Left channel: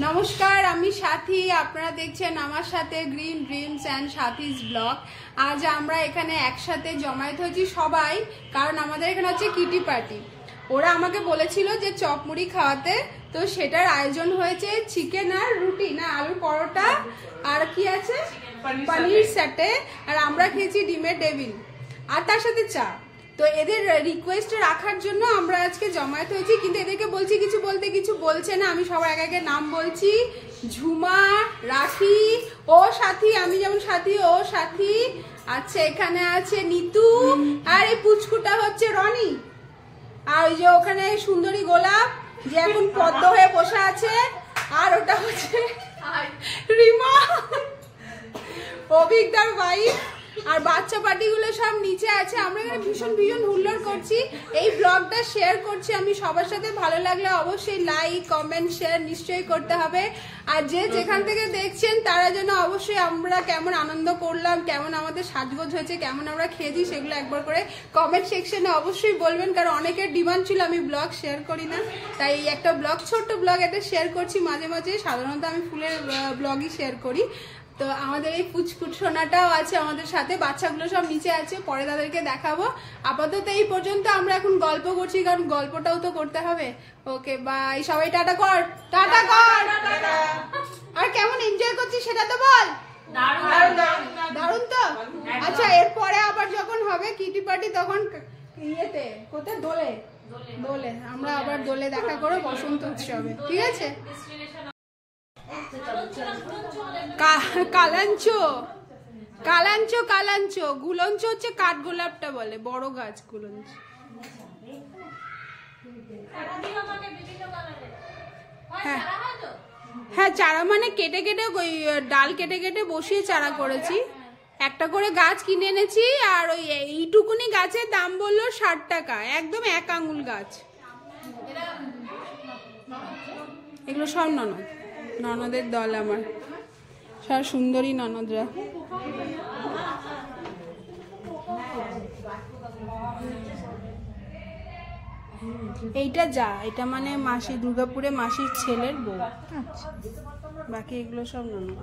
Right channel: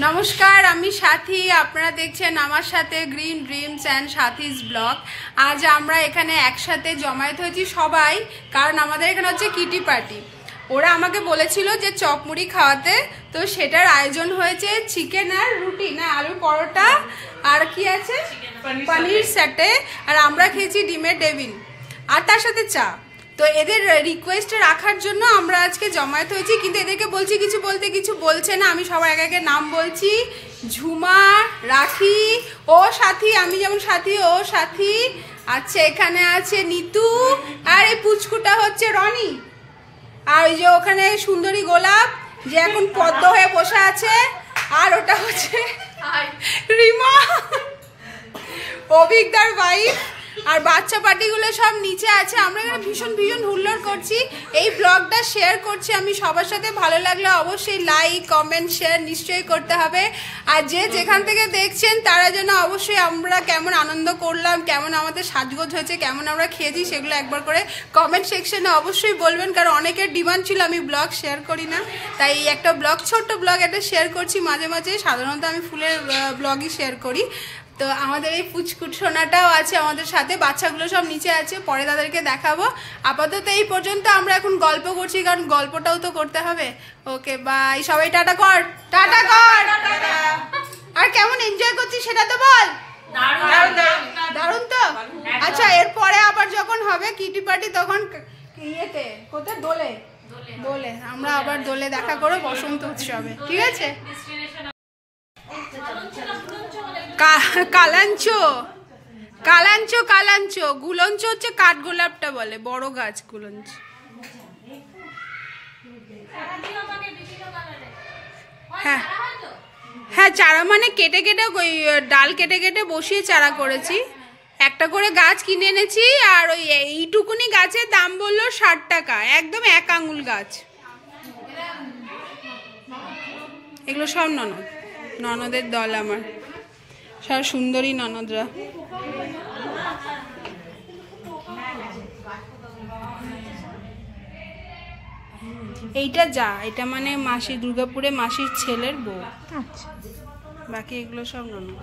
নমস্কার, আমি সাথী। আপনারা দেখছেন আমার সাথে গ্রিন ড্রিমস অ্যান্ড সাথীস ব্লগ। আজ আমরা এখানে একসাথে জমায়েত হয়েছি সবাই, কারণ আমাদের এখানে হচ্ছে কিটি পার্টি। ওরা আমাকে বলেছিল যে চপ মুড়ি খাওয়াতে, তো সেটার আয়োজন হয়েছে চিকেন আর রুটি, না আলুর পরোটা, আর কি আছে পনির সেটে, আর আমরা খেয়েছি ডিমের টেবিল, আর তার সাথে চা। তো এদের রিকোয়েস্ট রাখার জন্য আমরা আজকে জমায়েত হয়েছি, কিন্তু এদেরকে বলছি কিছু বলতে, কিছু বলছে না। আমি সবার একে একে নাম বলছি: ঝুমা, রাখি, ও সাথী, আমি যেমন সাথী, ও সাথী। আচ্ছা, এখানে আছে নিতু, আর এই পুচকুটা হচ্ছে রনি, আর ওই যে ওখানে সুন্দরী গোলাপ যে এখন পদ্ম হয়ে বসে আছে, আর ওটা হচ্ছে রিমা, অভিজ্ঞতার ওয়াইফ। আর বাচ্চা পার্টিগুলো সব নিচে আছে। আমরা এখানে ভীষণ হুল্লোড় করছি। এই ব্লগটা শেয়ার করছি আমি সবার সাথে। ভালো লাগলে অবশ্যই লাইক, কমেন্ট, শেয়ার নিশ্চয়ই করতে হবে। আর যে যেখান থেকে দেখছেন তারা যেন অবশ্যই আমরা কেমন আনন্দ করলাম, কেমন আমাদের সাজগোজ হয়েছে, কেমন আমরা খেয়েছি, সেগুলো একবার করে কমেন্ট সেকশনে অবশ্যই বলবেন। কারণ অনেকের ডিমান্ড ছিল আমি ব্লগ শেয়ার করি না, তাই এই একটা ব্লগ, ছোট্ট ব্লগ একটা শেয়ার করছি মাঝে মাঝে। সাধারণত আমি ফুলের ব্লগই শেয়ার করি। তো আমাদের এই পুচকুট সোনাটাও আছে আমাদের সাথে, বাচ্চাগুলো সব নিচে আছে, পরে তাদেরকে দেখাবো। আপাতত এই পর্যন্ত আমরা এখন গল্প করছি, কারণ গল্পটাও তো করতে হবে। ওকে বাই, সবাই টাটা কর, টাটা কর। আর কেমন এনজয় করছিস সেটা তো বল। দারুণ তো। আচ্ছা, এরপরে আবার যখন হবে কিটি পার্টি, তখন ইয়েতে কোথায়, দোলে আমরা আবার দোলে দেখা করো বসন্ত উৎসবে, ঠিক আছে? কালাঞ্চো গুলঞ্চ হচ্ছে কাঠগোলাপটা বলে, বড় গাছ গুলঞ্চ। হ্যাঁ হ্যাঁ, চারা মানে কেটে ওই ডাল কেটে বসিয়ে চারা করেছি। একটা করে গাছ কিনে এনেছি, আর ওই এইটুকুনি গাছের দাম বললো 60 টাকা, একদম 1 আঙুল গাছ। এগুলো সব ননদের দল, আমার সব সুন্দরী ননদরা। এইটা এটা মানে মাসি, দুর্গাপুরে মাসির ছেলের বউ। বাকি এগুলো সব ননদ।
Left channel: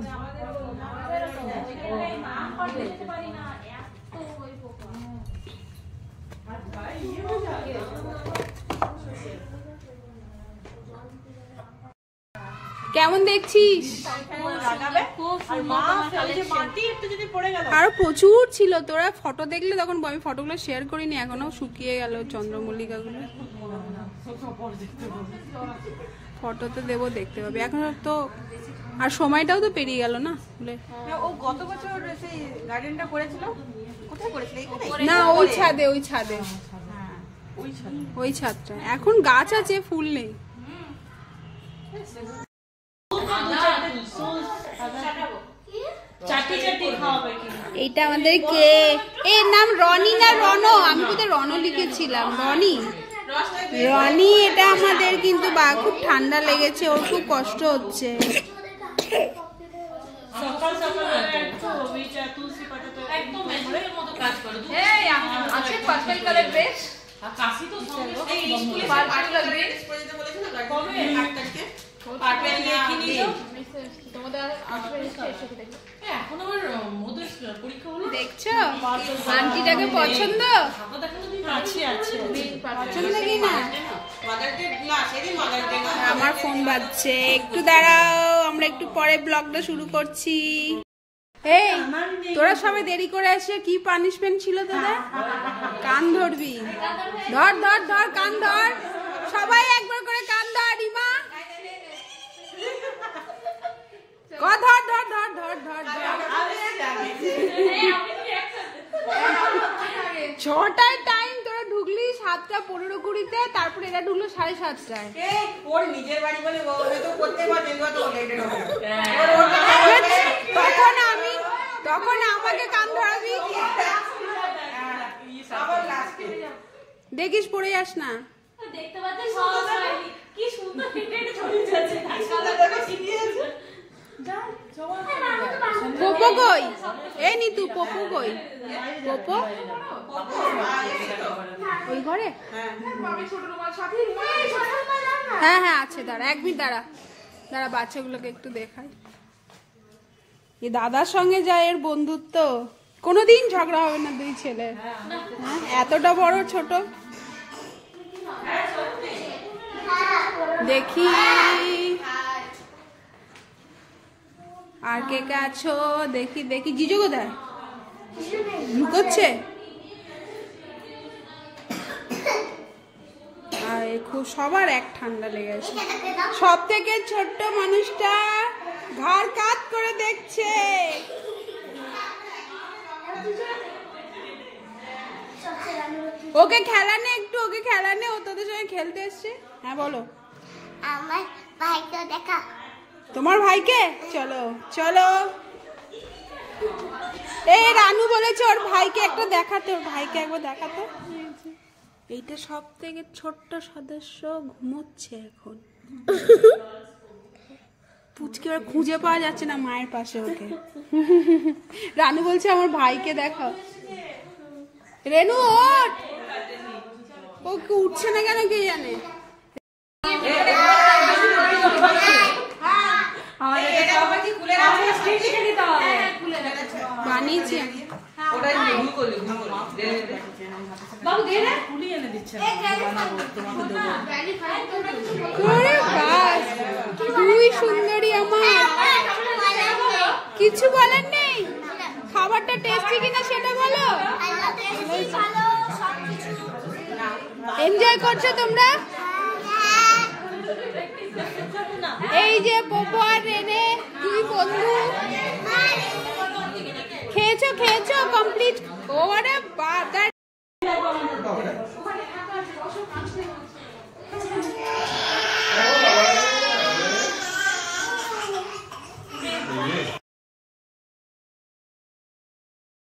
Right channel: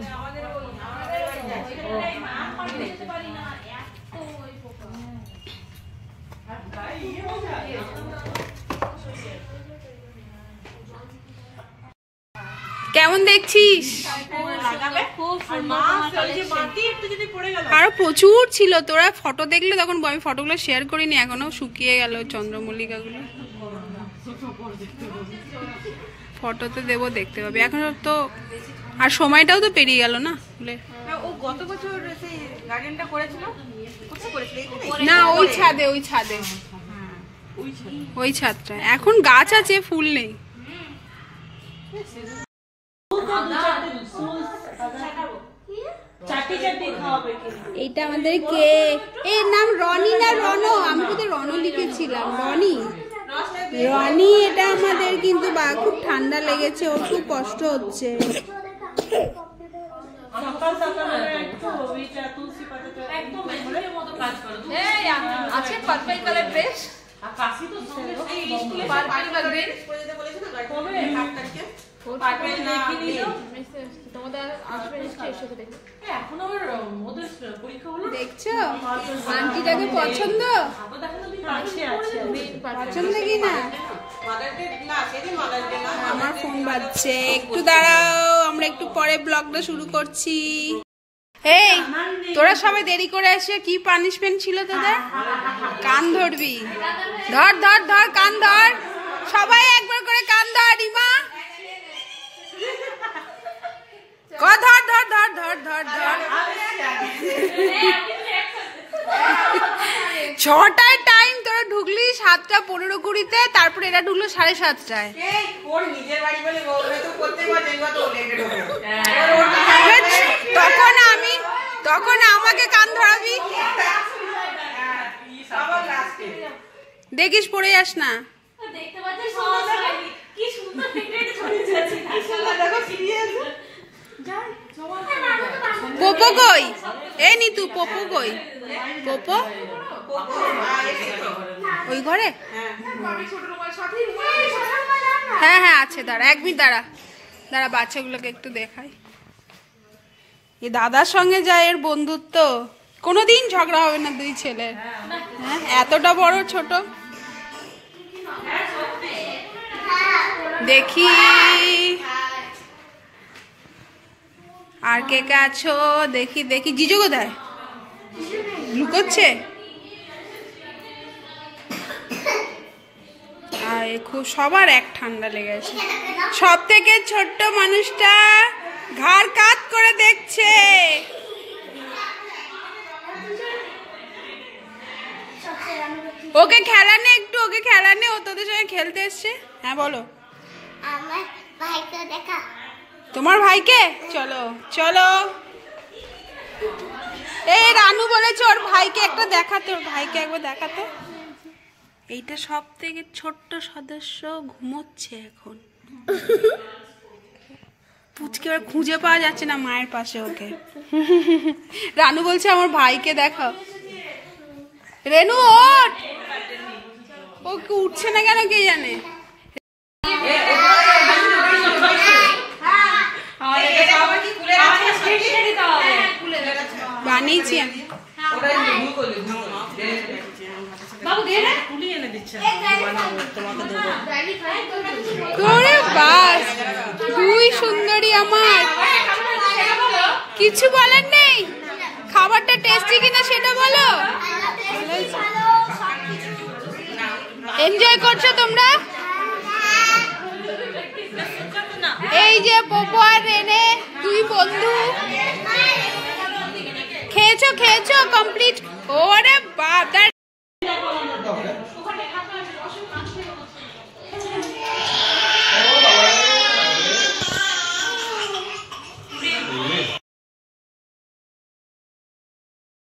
কেমন দেখছিস? আরো প্রচুর ছিল, তোরা ফটো দেখলে তখন। আমি ফটোগুলো শেয়ার করিনি, এখনো শুকিয়ে গেল চন্দ্রমল্লিকাগুলো। ফটোতে দেবো, দেখতে পাবি। এখন তো আর সময়টাও তো পেরিয়ে গেল না। না, ওই ছাদটা এখন গাছ আছে, ফুল নেই। এইটা আমাদের কে, এর নাম রনি না রনো? আমি বোধহয় রনো লিখেছিলাম। রনি এটা আমাদের, কিন্তু খুব ঠান্ডা লেগেছে, ওর খুব কষ্ট হচ্ছে। দেখছো আন্টিটাকে পছন্দ কি না? আমার ফোন বাজছে, একটু দাঁড়াও, আমরা একটু পরে ব্লগটা শুরু করছি। এই তোরা সবাই দেরি করে আসে, কি পানিশমেন্ট ছিল তোদের? কান ধরবি, ধর কান ধর, সবাই একবার করে কান ধর। রিমা ধর 6টায় টাইম, তোরা ঢুকলি 7:15-20-তে, তারপরে এরা ঢুকলো 7:30টায়। তখন আমাকে কান ধরাবি, দেখিস পড়ে যাস না। পোপো কই? এ নিতু, পোপো কই? পোপো ওই ঘরে? হ্যাঁ হ্যাঁ আছে, দাঁড়া 1 মিনিট দাঁড়া। দাঁড়া বাচ্চাগুলোকে একটু দেখাই। এই দাদার সঙ্গে যায় এর বন্ধুত্ব, কোনোদিন ঝগড়া হবে না দুই ছেলের। হ্যাঁ, এতটা বড় ছোট। দেখি আর কে কে আছো, দেখি দেখি। জিজু কোথায়? লুকোচ্ছে। আর খুব সবার এক ঠান্ডা লেগেছে। সব থেকে ছোট্ট মানুষটা ঘাড় কাত করে দেখছে। ওকে খেলানে একটু, ওকে খেলানে, ও তোদের সঙ্গে খেলতে এসছে। হ্যাঁ বলো। আমার ভাইকে দেখা। তোমার ভাইকে? চলো চলো। এই রানু বলেছে ওর ভাইকে একটা দেখাতে, ওর ভাইকে একবার দেখাতো। এইটা সব থেকে ছোট্ট সদস্য ঘুমোচ্ছে এখন। পুচকে এবার খুঁজে পাওয়া যাচ্ছে না মায়ের পাশে ওকে। রানু বলছে আমার ভাইকে দেখাও। রেনু ওঠ, ও কি উঠছে না কেন কে জানে। বানিয়েছি আমি। দুই সুন্দরী আমার, কিছু বলার নেই। খাবারটা টেস্টি কিনা সেটা বলো। এনজয় করছো তোমরা? এই যে পপো আর রেনে দুই বন্ধু খেয়েছো খেয়েছো কমপ্লিট। ওরে বাপ,